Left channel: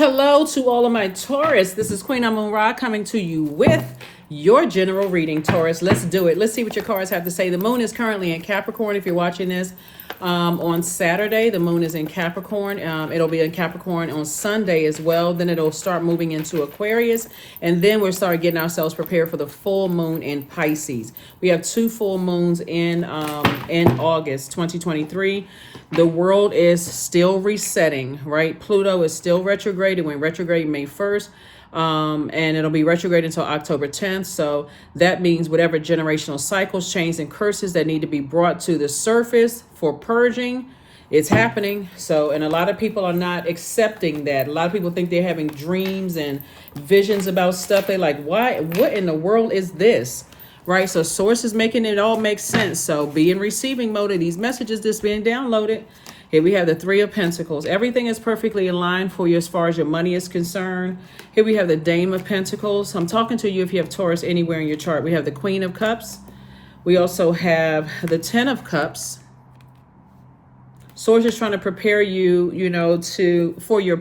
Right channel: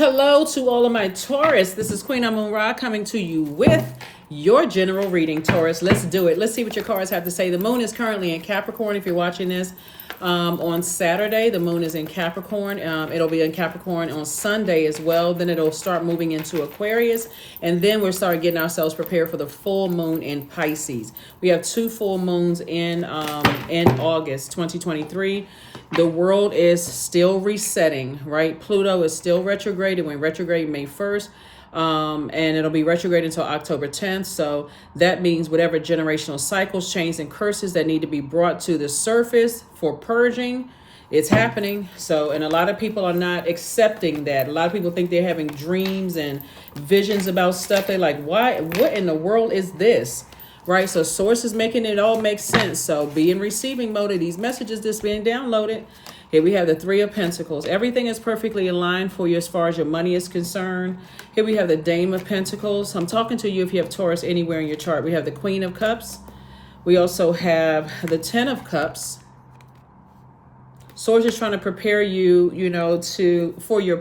Hello to all of my Taurus. This is Queen Amun Ra coming to you with your general reading, Taurus. Let's do it. Let's see what your cards have to say. The moon is currently in Capricorn. If you're watching this on Saturday, the moon is in Capricorn. It'll be in Capricorn on Sunday as well. Then it'll start moving into Aquarius. And then we'll start getting ourselves prepared for the full moon in Pisces. We have two full moons in August 2023. The world is still resetting, right? Pluto is still retrograde. It went retrograde May 1st. And it'll be retrograde until October 10th. So that means whatever generational cycles, chains, and curses that need to be brought to the surface for purging, it's happening. So, and a lot of people are not accepting that. A lot of people think they're having dreams and visions about stuff. They're like, why? What in the world is this? Right? So source is making it all make sense. So be in receiving mode of these messages that's being downloaded. Here we have the Three of Pentacles. Everything is perfectly aligned for you as far as your money is concerned. Here we have the Dame of Pentacles. I'm talking to you if you have Taurus anywhere in your chart. We have the Queen of Cups. We also have the Ten of Cups. Source is trying to prepare you, for your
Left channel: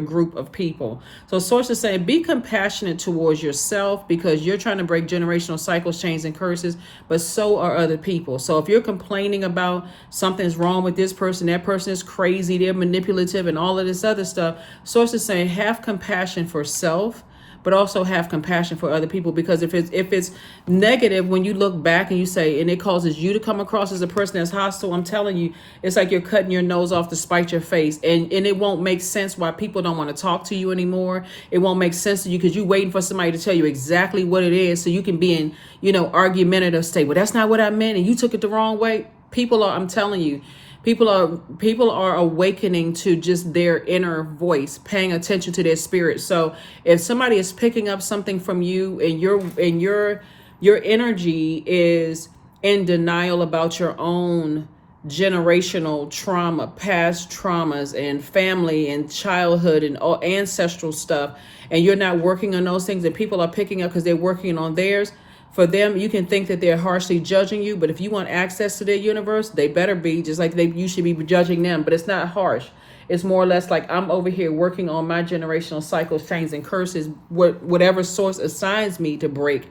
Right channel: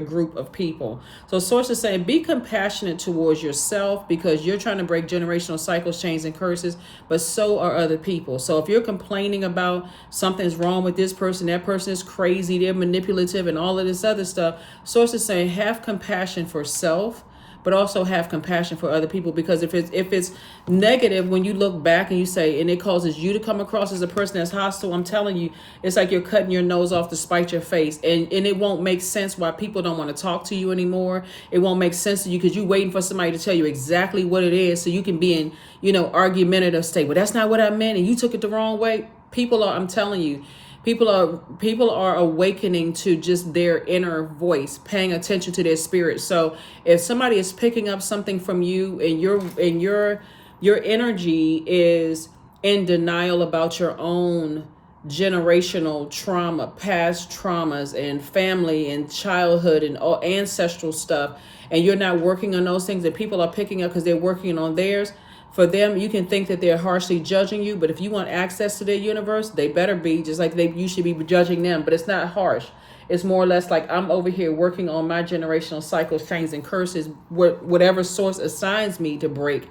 group of people. So Source is saying be compassionate towards yourself because you're trying to break generational cycles, chains, and curses, but so are other people. So if you're complaining about something's wrong with this person, that person is crazy, they're manipulative, and all of this other stuff, Source is saying have compassion for self, but also have compassion for other people, because if it's negative, when you look back and you say, and it causes you to come across as a person that's hostile, I'm telling you, it's like you're cutting your nose off to spite your face, and it won't make sense why people don't want to talk to you anymore. It won't make sense to you because you're waiting for somebody to tell you exactly what it is so you can be in, argumentative state. Well, that's not what I meant, and you took it the wrong way. I'm telling you, people are awakening to just their inner voice, paying attention to their spirit. So if somebody is picking up something from you and your energy is in denial about your own generational trauma, past traumas and family and childhood and all ancestral stuff, and you're not working on those things, and people are picking up because they're working on theirs, for them, you can think that they're harshly judging you, but if you want access to their universe, they better be just like you should be judging them. But it's not harsh. It's more or less like I'm over here working on my generational cycles, chains, and curses, whatever source assigns me to break.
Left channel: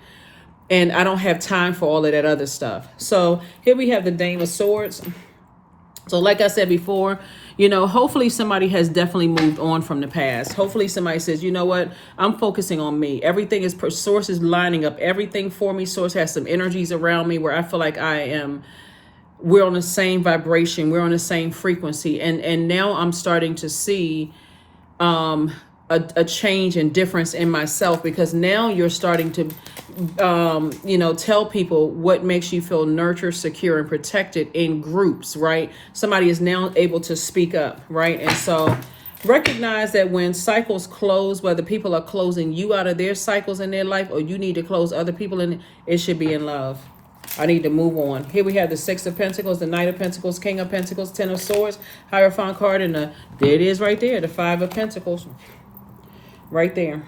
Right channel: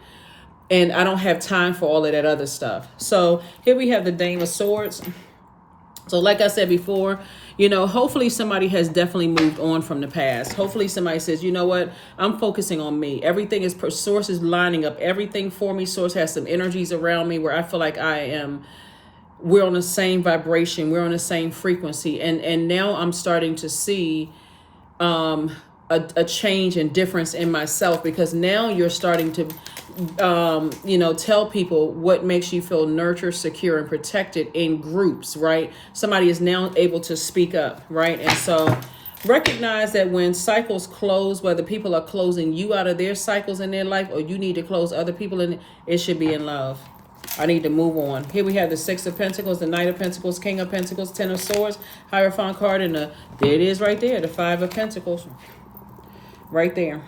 And I don't have time for all of that other stuff. So here we have the Dame of Swords. So like I said before, hopefully somebody has definitely moved on from the past. Hopefully somebody says, you know what, I'm focusing on me. Everything is, Source is lining up everything for me. Source has some energies around me where I feel like we're on the same vibration. We're on the same frequency. And now I'm starting to see a change and difference in myself, because now you're starting to tell people what makes you feel nurtured, secure, and protected in groups, right? Somebody is now able to speak up, right? And so recognize that when cycles close, whether people are closing you out of their cycles in their life or you need to close other people in, it should be in love. I need to move on. Here we have the Six of Pentacles, the Knight of Pentacles, King of Pentacles, Ten of Swords, Hierophant card, and there it is right there, the Five of Pentacles. Right there.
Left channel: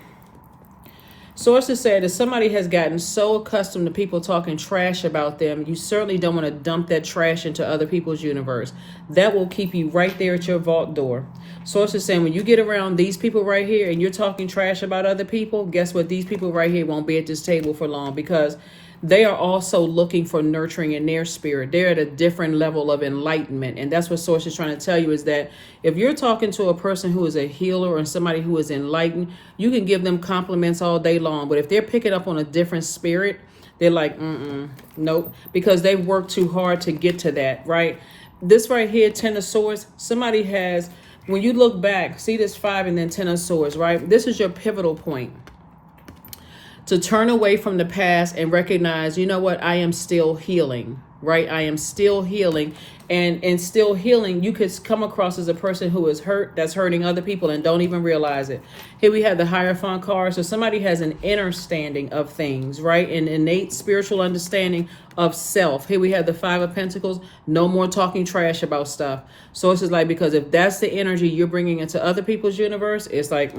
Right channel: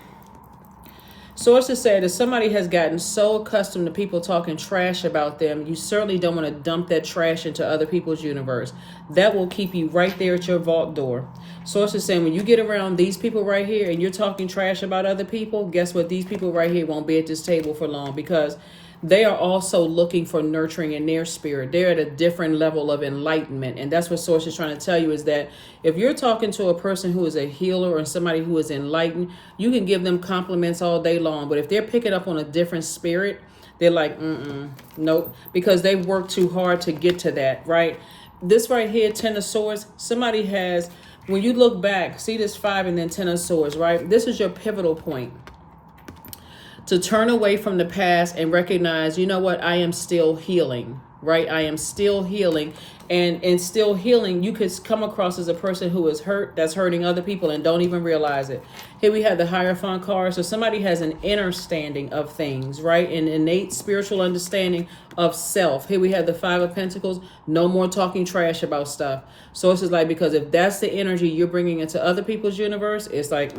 Sources said that somebody has gotten so accustomed to people talking trash about them, you certainly don't want to dump that trash into other people's universe. That will keep you right there at your vault door. Sources saying when you get around these people right here and you're talking trash about other people, guess what? These people right here won't be at this table for long, because they are also looking for nurturing in their spirit. They're at a different level of enlightenment. And that's what Source is trying to tell you, is that if you're talking to a person who is a healer or somebody who is enlightened, you can give them compliments all day long. But if they're picking up on a different spirit, they're like, nope, because they've worked too hard to get to that, right? This right here, Ten of Swords, somebody has, when you look back, see this Five and then Ten of Swords, right? This is your pivotal point. To turn away from the past and recognize, you know what, I am still healing, right? I am still healing. And still healing, you could come across as a person who is hurt, that's hurting other people and don't even realize it. Here we have the Hierophant card. So somebody has an inner standing of things, right? An innate spiritual understanding of self. Here we have the Five of Pentacles. No more talking trash about stuff. So it's just like, because if that's the energy you're bringing into other people's universe, it's like,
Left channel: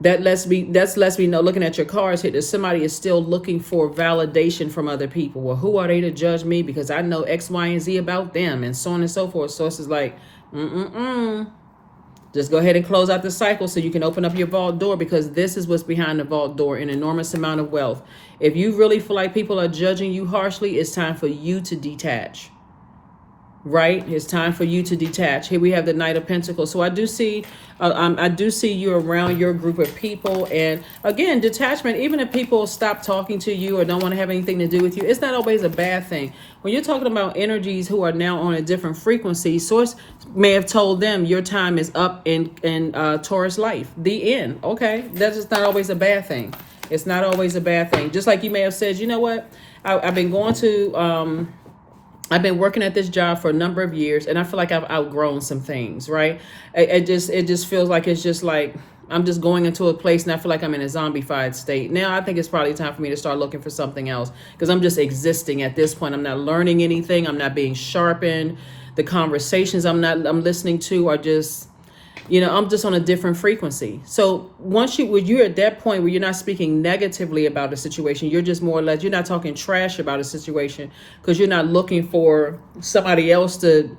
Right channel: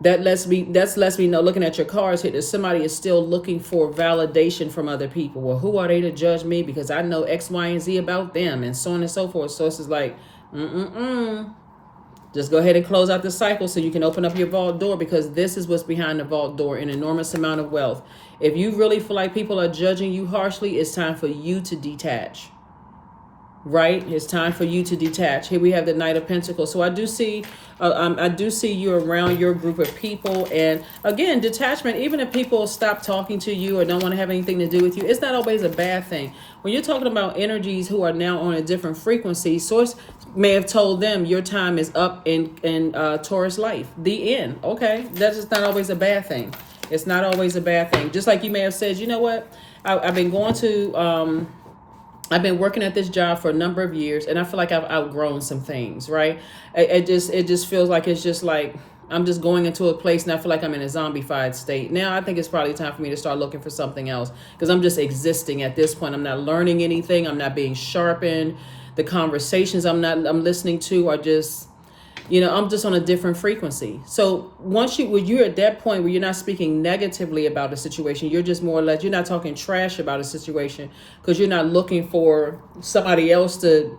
That lets me know, looking at your cards here, that somebody is still looking for validation from other people. Well, who are they to judge me because I know X, Y, and Z about them, and so on and so forth. So it's just like, Just go ahead and close out the cycle so you can open up your vault door, because this is what's behind the vault door, an enormous amount of wealth. If you really feel like people are judging you harshly, it's time for you to detach. Right? It's time for you to detach. Here we have the Knight of Pentacles. So I do see you around your group of people. And again, detachment, even if people stop talking to you or don't want to have anything to do with you, it's not always a bad thing. When you're talking about energies who are now on a different frequency, Source may have told them your time is up in Taurus life. The end. Okay. That's just not always a bad thing. It's not always a bad thing. Just like you may have said, you know what? I've been going to... I've been working at this job for a number of years, and I feel like I've outgrown some things, right? It just feels like it's just like I'm just going into a place and I feel like I'm in a zombified state. Now I think it's probably time for me to start looking for something else, because I'm just existing at this point. I'm not learning anything. I'm not being sharpened. The conversations I'm listening to are just, I'm just on a different frequency. So when you're at that point where you're not speaking negatively about a situation, you're just more or less, you're not talking trash about a situation, because you're not looking for somebody else to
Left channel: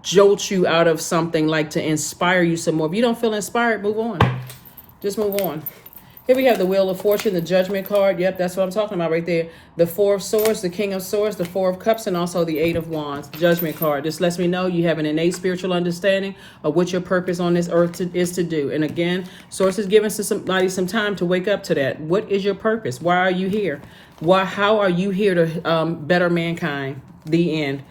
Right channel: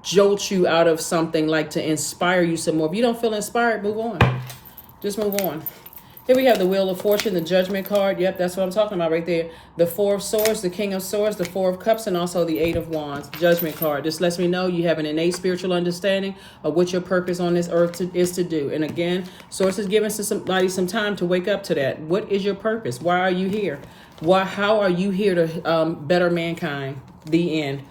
jolt you out of something, like to inspire you some more. If you don't feel inspired, move on. Just move on. Here we have the Wheel of Fortune, the Judgment card. Yep, that's what I'm talking about right there. The Four of Swords, the King of Swords, the Four of Cups, and also the Eight of Wands. Judgment card. This lets me know you have an innate spiritual understanding of what your purpose on this earth is to do. And again, Source is giving somebody some time to wake up to that. What is your purpose? Why are you here? How are you here to better mankind? The end.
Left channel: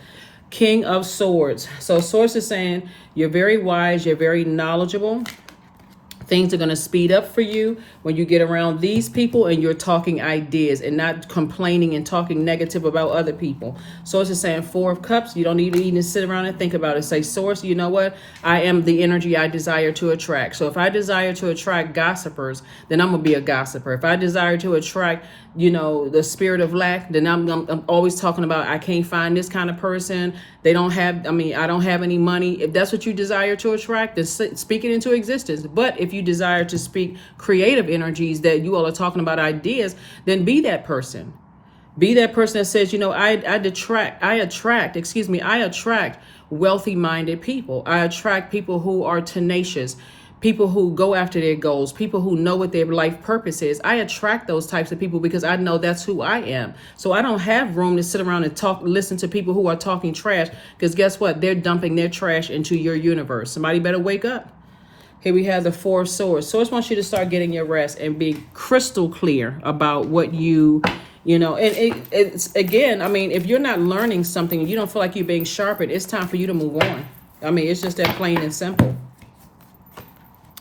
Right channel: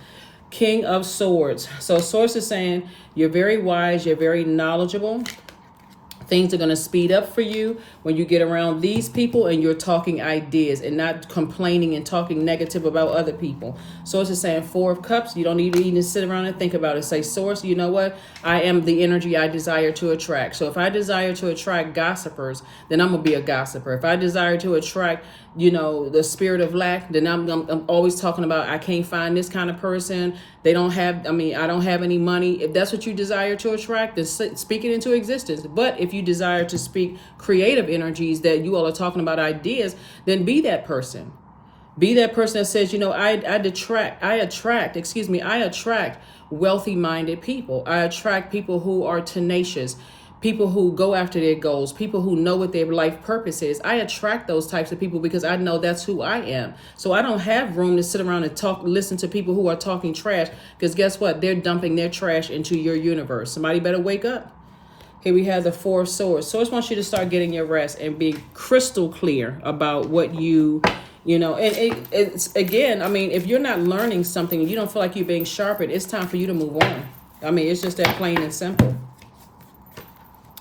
King of Swords. So Source is saying you're very wise, you're very knowledgeable. Things are going to speed up for you when you get around these people and you're talking ideas and not complaining and talking negative about other people. Source is saying Four of Cups. You don't need to even sit around and think about it. Say, Source, you know what? I am the energy I desire to attract. So if I desire to attract gossipers, then I'm going to be a gossiper. If I desire to attract, the spirit of lack, then I'm always talking about I can't find this kind of person. I don't have any money. If that's what you desire to attract, then speak it into existence. But if you desire to speak creative energies that you all are talking about ideas, then be that person. Be that person that says, I attract wealthy minded people. I attract people who are tenacious, people who go after their goals, people who know what their life purpose is. I attract those types of people because I know that's who I am. So I don't have room to sit around and listen to people who are talking trash, because guess what? They're dumping their trash into your universe. Somebody better wake up. Here we have the Four of Swords. Source wants you to start getting your rest and be crystal clear about what and it's again, if you're not learning something and you don't feel like you're being sharpened, it's time for you to move on. It's just that plain and simple.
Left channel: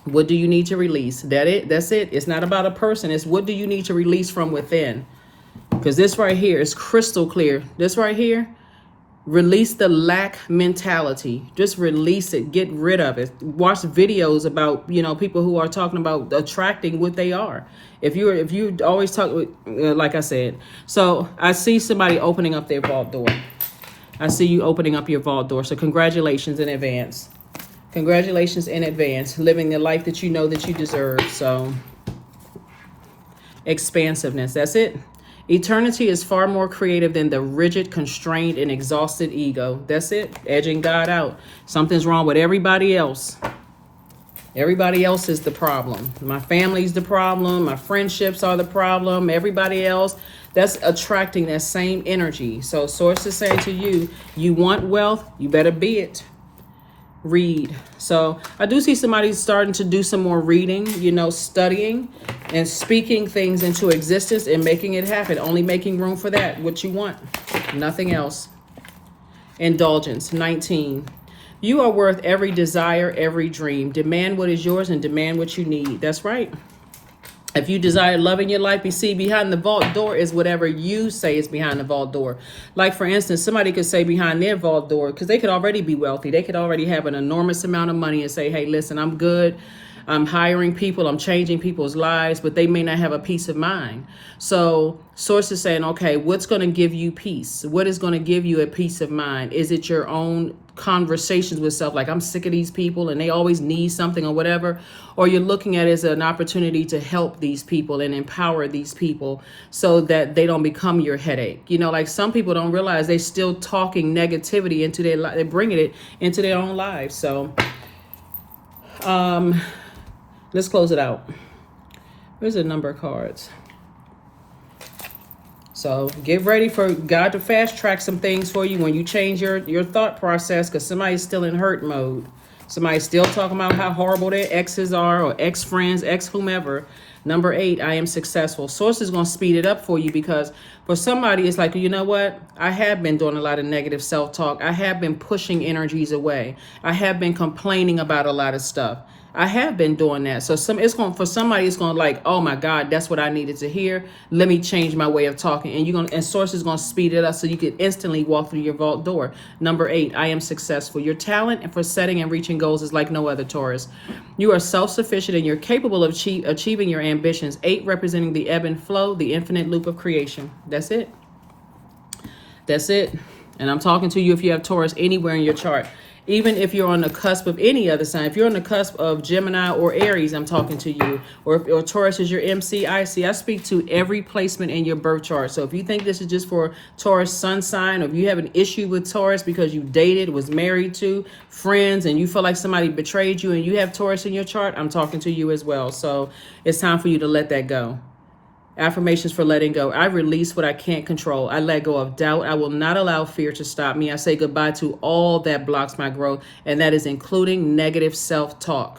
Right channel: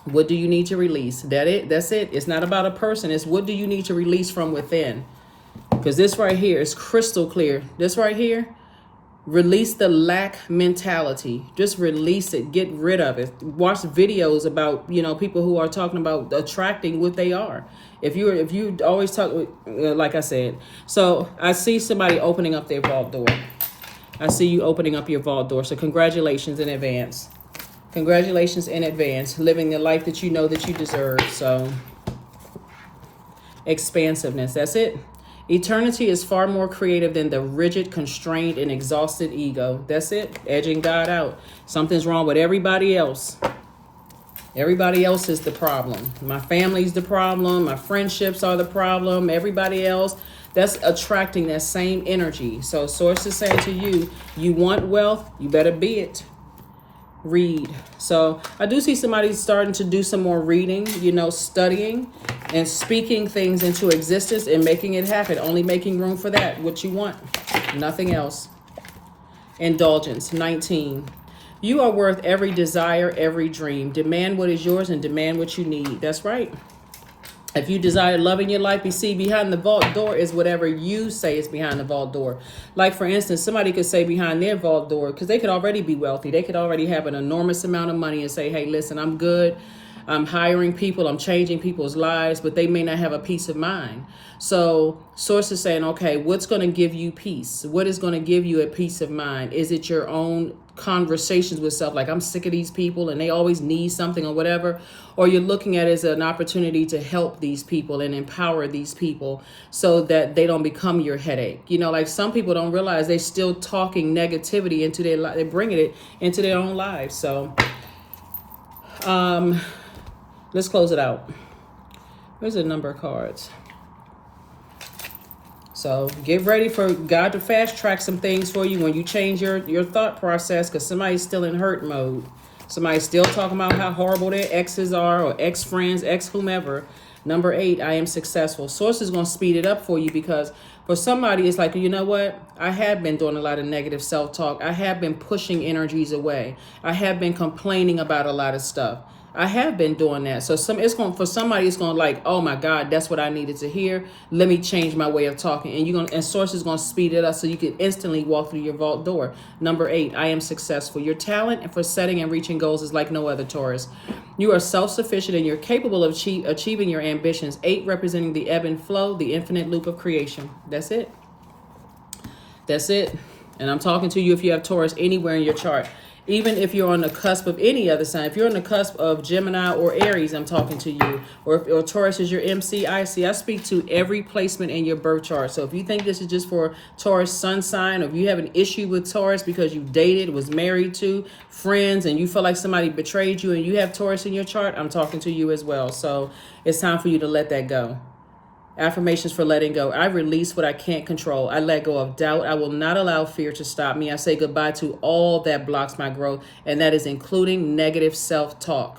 What do you need to release? That's it. It's not about a person. It's what do you need to release from within? Because this right here is crystal clear. This right here, release the lack mentality. Just release it. Get rid of it. Watch videos about, people who are talking about attracting what they are. If you always talk, like I said, so I see somebody opening up their vault door. I see you opening up your vault door. So congratulations in advance. Congratulations in advance. Living the life that you know that you deserve. So expansiveness. That's it. Eternity is far more creative than the rigid, constrained, and exhausted ego. That's it. Edging God out. Something's wrong with everybody else. Everybody else is the problem. My family's the problem. My friendships are the problem. Everybody else, that's attracting that same energy. So Source is saying to you, you want wealth, you better be it. Read. So I do see somebody starting to do some more reading, studying and speaking things into existence and making it happen. Only making room for that, what you want, nothing else. Indulgence. 19. You are worth every desire, every dream. Demand what is yours and demand what you need. That's right. If you desire love in your life, you see behind the vault door is whatever you say is behind the vault door. Like, for instance, somebody could say behind their vault door, because they could already be wealthy. They could already have an enormous amount of money and say, hey, listen, I'm good. I'm hiring people. I'm changing people's lives, but they may not have a peace of mind. So Source is saying, okay, what's going to give you peace? What is going to give you a peace of mind? Is it your own conversations with self, like I'm sick of these people and they always need something or whatever? Or you're looking at it as an opportunity to help these people and empower these people so that they don't become your headache. Like some people don't realize they're still talking negativity into their life. They're bringing it into their own lives. So Let's close it out. Where's the number of cards? So get ready for God to fast track some things for you when you change your thought process, because somebody's still in hurt mode. Somebody's still talking about how horrible their exes are, or ex-friends, ex-whomever. Number 8, I am successful. Source is going to speed it up for you, because for somebody, it's like, you know what? I have been doing a lot of negative self-talk. I have been pushing energies away. I have been complaining about a lot of stuff. I have been doing that. So for somebody, it's going to like, oh my God, that's what I needed to hear. Let me change my way of talking. And Source is going to speed it up so you can instantly walk through your vault door. Number 8, I am successful. Your talent for setting and reaching goals is like no other, Taurus. You are self-sufficient and you're capable of achieving your ambitions. 8 representing the ebb and flow, the infinite loop of creation. That's it. That's it. And I'm talking to you if you have Taurus anywhere in your chart. Even if you're on the cusp of any other sign, if you're on the cusp of Gemini or Aries, I'm talking to you. Or Taurus is your MC, I speak to every placement in your birth chart. So if you think this is just for Taurus sun sign, or if you have an issue with Taurus because you dated, was married to, friends, and you feel like somebody betrayed you and you have Taurus in your chart, I'm talking to you as well. So it's time for you to let that go. Affirmations for letting go. I release what I can't control. I let go of doubt. I will not allow fear to stop me. I say goodbye to all that blocks my growth, and that is including negative self-talk.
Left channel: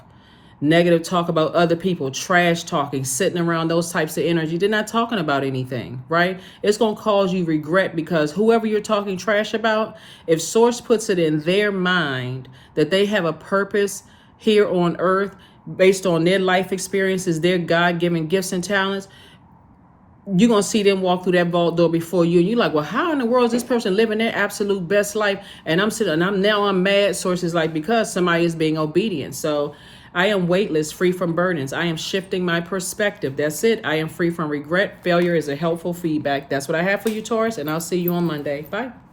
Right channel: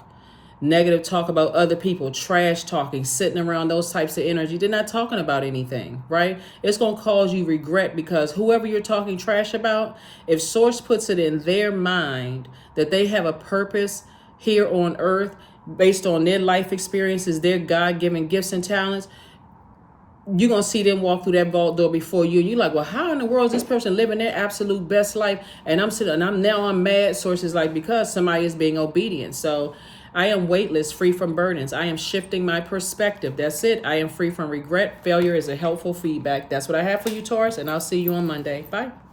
Negative talk about other people, trash talking, sitting around those types of energy. They're not talking about anything, right? It's going to cause you regret, because whoever you're talking trash about, if Source puts it in their mind that they have a purpose here on earth based on their life experiences, their God-given gifts and talents, you're going to see them walk through that vault door before you. And you're like, well, how in the world is this person living their absolute best life? And I'm mad. Source is like, because somebody is being obedient. So I am weightless, free from burdens. I am shifting my perspective. That's it. I am free from regret. Failure is a helpful feedback. That's what I have for you, Taurus. And I'll see you on Monday. Bye.